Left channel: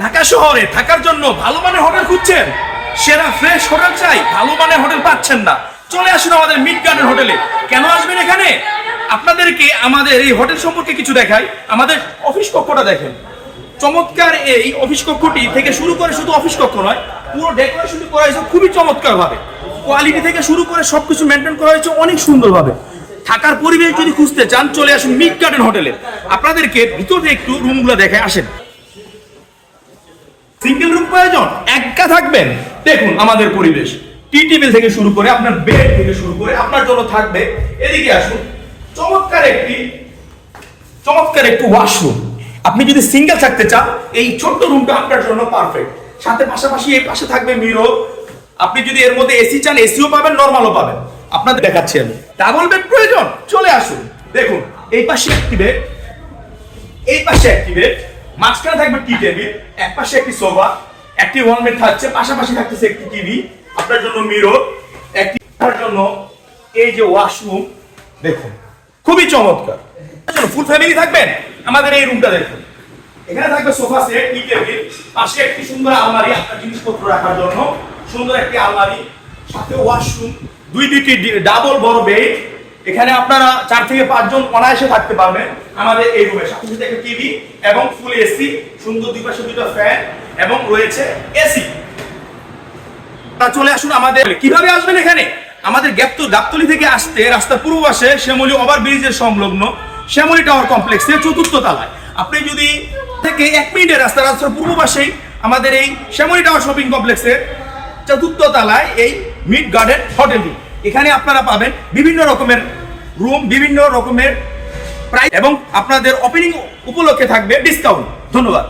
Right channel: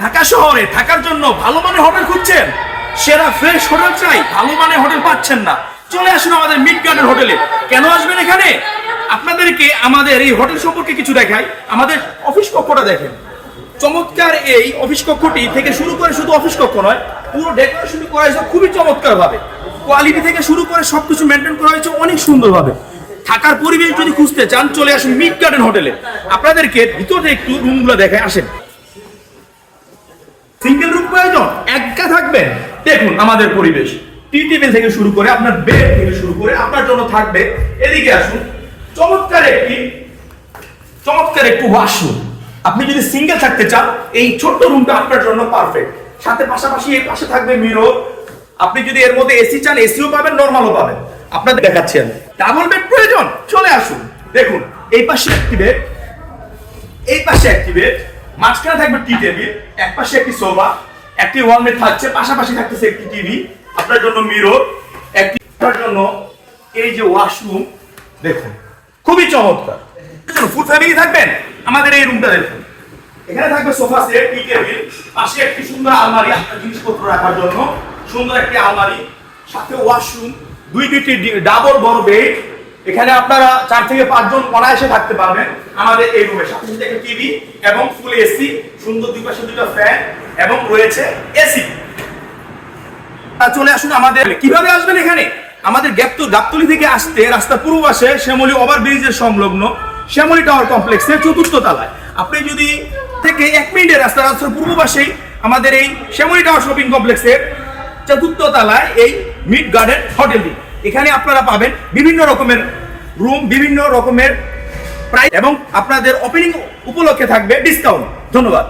ঢাকা শহরে থাকার জন্য ভালো মানের হোটেল খুঁজছেন, সেরা ফ্রেশ হোটেল চাই, ভালো মানের হোটেল পাচ্ছেন না, চলে আসুন আমাদের মিড গার্ডেন হোটেলে। কেন আসবেন এখানে? আপনাদেরকে আমাদের এই হোটেল সম্পর্কে কিছু দেখাই। আমাদের অফিস কক্ষটা দেখেন, চমৎকার এই অফিস কক্ষটি থেকে শুরু করে শুধু অফিস কক্ষ নয়, পুরো ডেকোরেশন করা হয়েছে খুবই চমৎকার ভাবে, কোয়ালিটি থেকে শুরু করে সবকিছু মেনটেন করা হয়েছে অনেক সুন্দরভাবে। থাকার পরিবেশ যদি খুঁজতে চান, চলে আসুন মিড গার্ডেন হোটেলে। আপনাদেরকে ভিতরে একটু রুমগুলো দেখে আসেন। সিঙ্গেল রুম প্রয়োজন, একা থাকবেন, দেখুন আমাদের পরিবেশ, টি টেবিল থেকে শুরু করে আপনার বেড থেকে শুরু করে আপনার জন্য থাকবে। এদিকে আসুন, চমৎকার একটি ওয়াশরুম। আপনি যদি সিঙ্গেল থাকতে চান, এই ছোট্ট রুমটা আপনার জন্য পারফেক্ট। সাথে পাশাপাশি এই পাশে থাকবে মিরর। আপনি যদি এর মধ্যে এসি চান, এসিও পাবেন, নরমালও পাবেন। আপনাদের দেখাচ্ছি আমি। ডাবল বেড প্রয়োজন, চলে আসুন। দেখুন এই পাশে একটি বেড, এই পাশে একটি বেড, মাঝখানে থাকবে টি টেবিল, এক পাশে একটি সোফা, একটি ওয়ালমেট থাকছে, পাশাপাশি থাকতেছে একটি টিভি, আপনার জন্য মিরর, একটি আপনার জন্য এই যে ওয়াশরুম। দেখুন খুবই চমৎকার। ফুল ফ্যামিলি থাকবেন, আমাদের এই রুমটা দেখুন। এখানে থাকবে সোফা সেট, টি টেবিল, পাশে একটি সুন্দর আলমারি আপনার জিনিসপত্র রাখার জন্য, সুন্দর একটি আলমারি, সাথে ওয়াশরুম, দুইটি ডাবল বড় বেড। এখানে আপনারা 4 থেকে 5 জন অনায়াসে থাকতে পারবেন আমাদের এই রুমে। সাথে সাথে একটা টিভি এবং ফুল এসি, সুন্দর দুই পাশে দুটো ফ্যান এবং রয়েছে এসি। চলে আসুন আমাদের। কিভাবে আসবেন এখানে? আমাদের গাবতলী থেকে আসতে রাস্তার পূর্ব পাশে শ্যামলী ওভারব্রিজের সংলগ্ন শ্যামলী টাওয়ার কমপ্লেক্সের 4র্থ তলায়। আপনি যদি থেকে 1 মিনিটের রাস্তার পূর্ব পাশেই আমাদের এই শ্যামলী টাওয়ার শপিং কমপ্লেক্সের 4র্থ তলায় এই মিড গার্ডেন হোটেলটি। এখানে আপনারা পাবেন বিভিন্ন রকমের রুম, বিভিন্ন রকমের প্রাইস এবং আপনাদের ওপেনিং উপলক্ষে থাকবে ডিসকাউন্ট। ধন্যবাদ।